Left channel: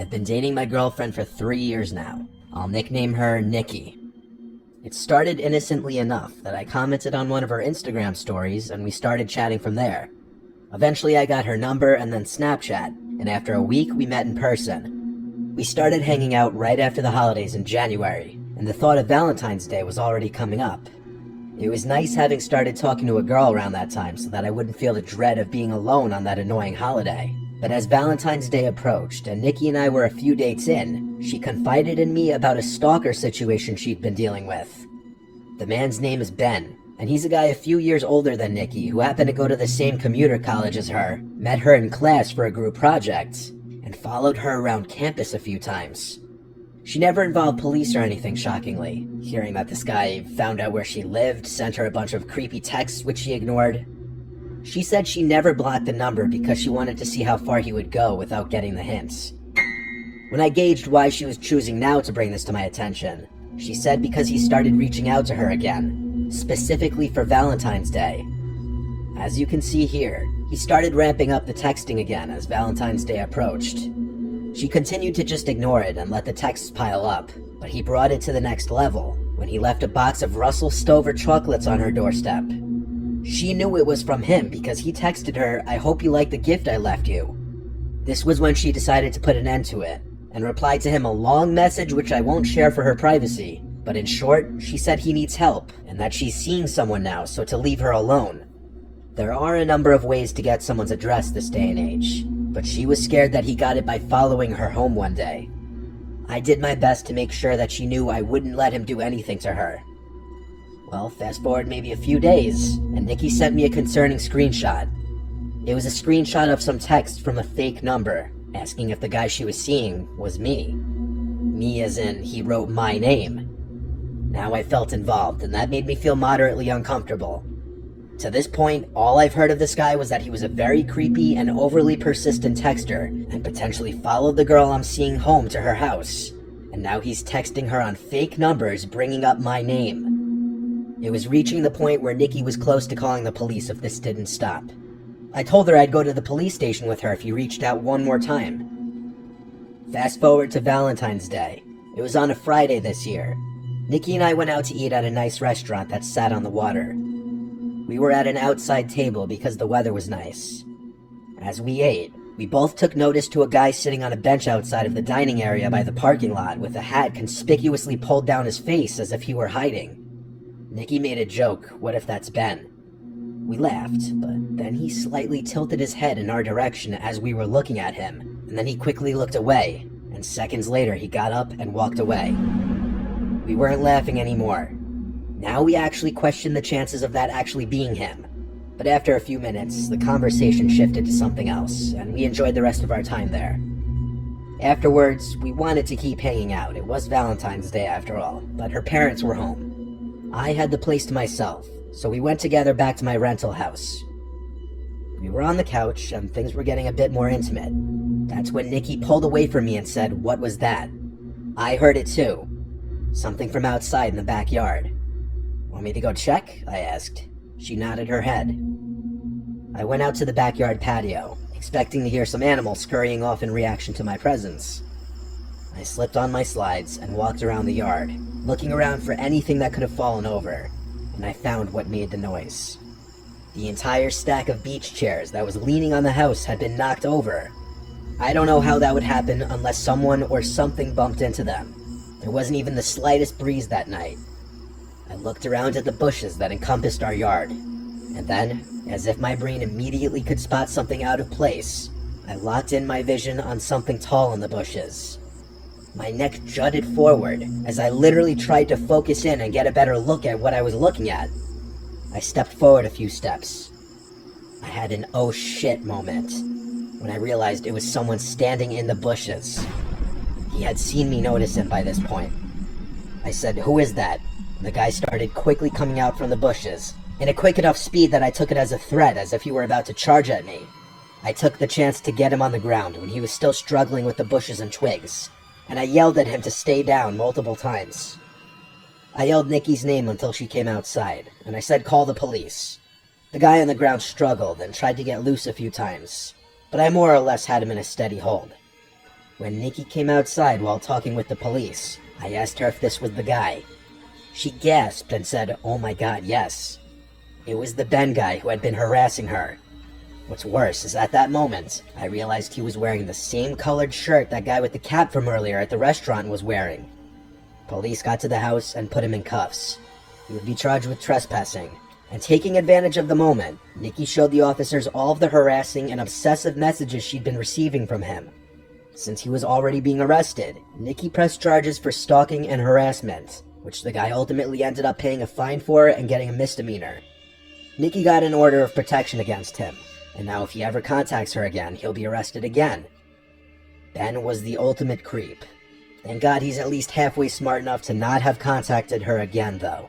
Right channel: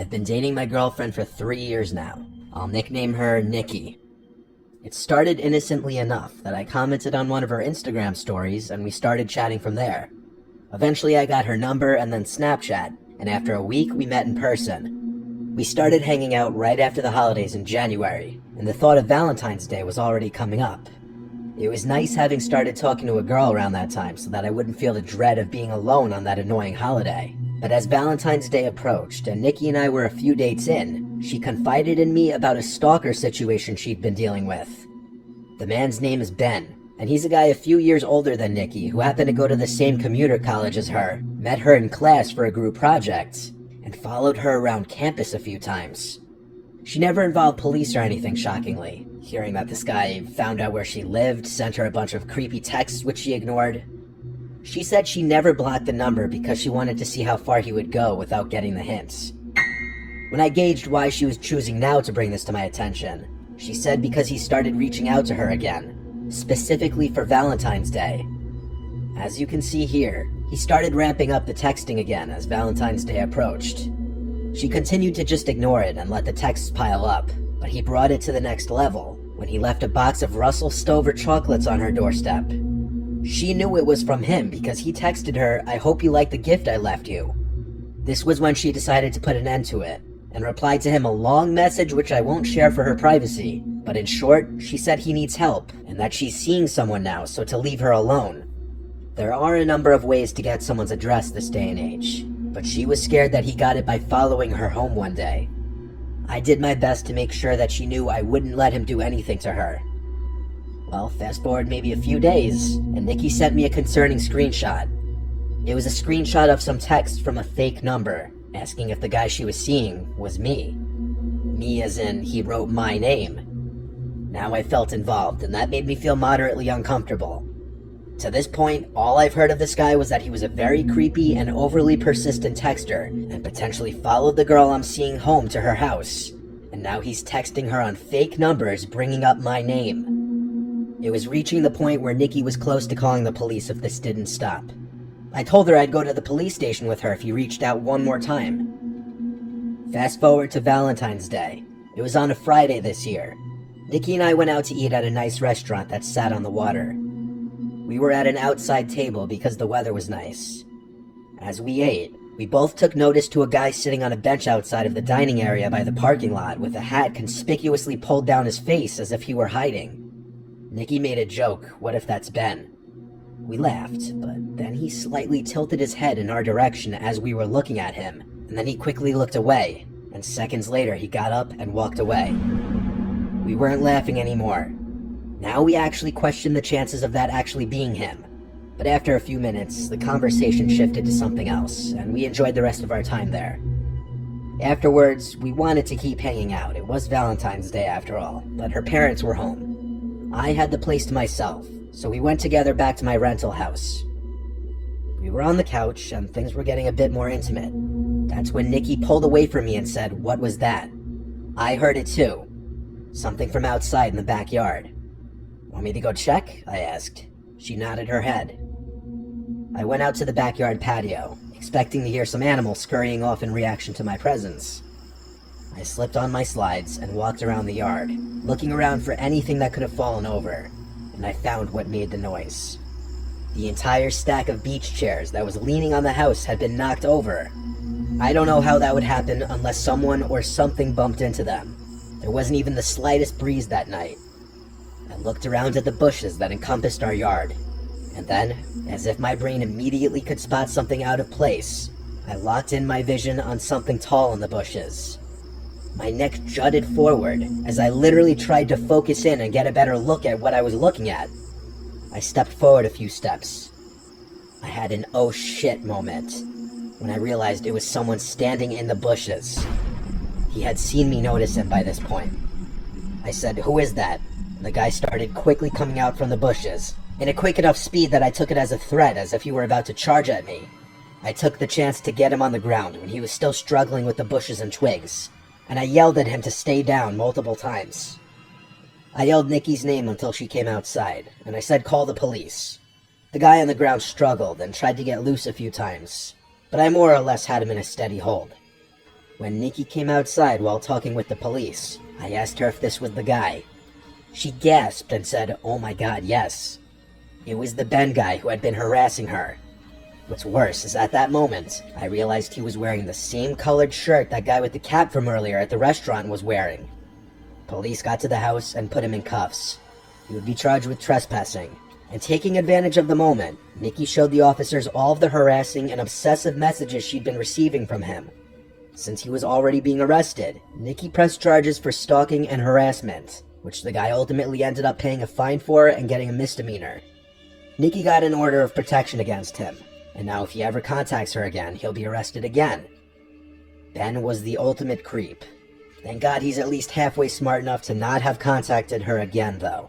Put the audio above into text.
I've been dating my girlfriend for 3 years now. I'll nickname her Nikki. It started innocently enough that I commented on one of her Instagram stories and we started chatting from there. Eventually I got her number and then Snapchat, and after a week we met in person. We started hanging out right after the holidays in January, and the thought of Valentine's Day was already coming up. It was nice having started talking to a girl around that time so that I wouldn't feel the dread of being alone on that annoying holiday. But as Valentine's Day approached and Nikki and I were a few dates in, she confided in me about a stalker situation she'd been dealing with. The man's name is Ben, and he's a guy a few years older than Nikki who happened to go to the same commuter college as her, met her in class for a group project, and followed her around campus a few times. She never involved police or anything, shockingly. Hearing that this guy found out where she lived, sent her a bunch of creepy texts which she ignored. She said she never blocked the number because she wanted to see how far he would go without getting the hints. When I gauged why she was choosing now to bring this to my attention, she said because he started reaching out to her again, specifically for Valentine's Day. As you can see here, he started ramping up the texting again as Valentine's Day approached. She continued to just ignore it and let the texts pile up, but he brought it to the next level when he left a box of Russell Stover chocolates on her doorstep. She knew it was from him because he texted her, "I hope you like the gift I left you." This was when she decided to put an end to it, and replied to him a long message which I won't share for her privacy, but in short, she said he needs help, and that she's seeing someone now, so to leave her alone. There are a number of ways to get someone's address this day and age, but she was scared that he got it by following her home one day. I did my best to make sure that she knew I wouldn't let him do anything to her. Well, fast forward maybe a few days, and Nikki sent me a concerning screenshot. It was a screenshot of some text from a fake number, asking if the guy she was seeing was me. Me as in, he wrote my name. Now I felt involved, and that made me feel moderately uncomfortable. To this point, all I've heard of this guy was that he was a very creepy and overly persistent texter, and potentially followed the girl I'm seeing home to her house. And now he's texting her on fake numbers, bringing up my name. It was reaching the point where Nikki was close to calling the police if this didn't stop. I told her I'd go to the police station with her if he reached out one more time. Fast forward to Valentine's Day. It was on a Friday this year. Nikki and I went out to eat at a nice restaurant that sat on the water. We were at an outside table because the weather was nice. As we ate, we both took notice to a guy sitting on a bench outside of the dining area by the parking lot with a hat conspicuously pulled down his face as if he were hiding. Nikki made a joke, "What if that's Ben?" We laughed, but then he slightly tilted his head in our direction as we were looking at him, and then he quickly looked away, and seconds later he got up and walked away. We weren't laughing anymore. Now we actually questioned the chances of that actually being him. But after a few minutes, the conversation shifted to something else, and we enjoyed the rest of our time there. Afterwards, we wanted to keep hanging out. It was Valentine's Day after all, but her parents were home. I had the place to myself, so we went together back to my rental house. We were on the couch, and things were getting a bit more intimate. That's when Nikki pulled away from me and said, "What was that?" I heard it too. Something from outside in the backyard. "Want me to go check?" I asked. She nodded her head. I went out to the backyard patio, expecting to hear some animals scurrying off in reaction to my presence. I slipped on my slides and walked around the yard, looking around for anything that could have fallen over, and I found what made the noise. The entire stack of beach chairs that was leaning on the house had been knocked over. I don't know how that would happen unless someone or something bumped into them. There wasn't even the slightest breeze that night. I looked around at the bushes that encompassed our yard, and then, as if my brain immediately could spot something out of place, I locked in my vision on something tall in the bushes. My neck jutted forward as I literally tried to focus in and get a better look at what I was looking at. I stepped forward a few steps. I had an oh shit moment when I realized it was someone standing in the bushes. He had seen me notice him by this point. I said, "Who is that?" And the guy started quickly coming out from the bushes, in a quick enough speed that I took it as a threat, as if he were about to charge at me. I took the chance to get him on the ground when he was still struggling with the bushes and twigs, and I yelled at him to stay down multiple times. I yelled Nikki's name until she came outside, and I said call the police. The guy on the ground struggled and tried to get loose a few times, but I more or less had him in a steady hold. When Nikki came outside while talking with the police, I asked her if this was the guy. She gasped and said, "Oh my god, yes." It was the Ben guy who had been harassing her. What's worse is at that moment, I realized he was wearing the same colored shirt that guy with the cap from earlier at the restaurant was wearing. Police got to the house and put him in cuffs. He would be charged with trespassing. And taking advantage of the moment, Nikki showed the officers all of the harassing and obsessive messages she'd been receiving from him. Since he was already being arrested, Nikki pressed charges for stalking and harassment, which the guy ultimately ended up paying a fine for and getting a misdemeanor. Nikki got an order of protection against him, and now if he ever contacts her again, he'll be arrested again. Ben was the ultimate creep. Thank God he's at least halfway smart enough to not have contacted her again, though.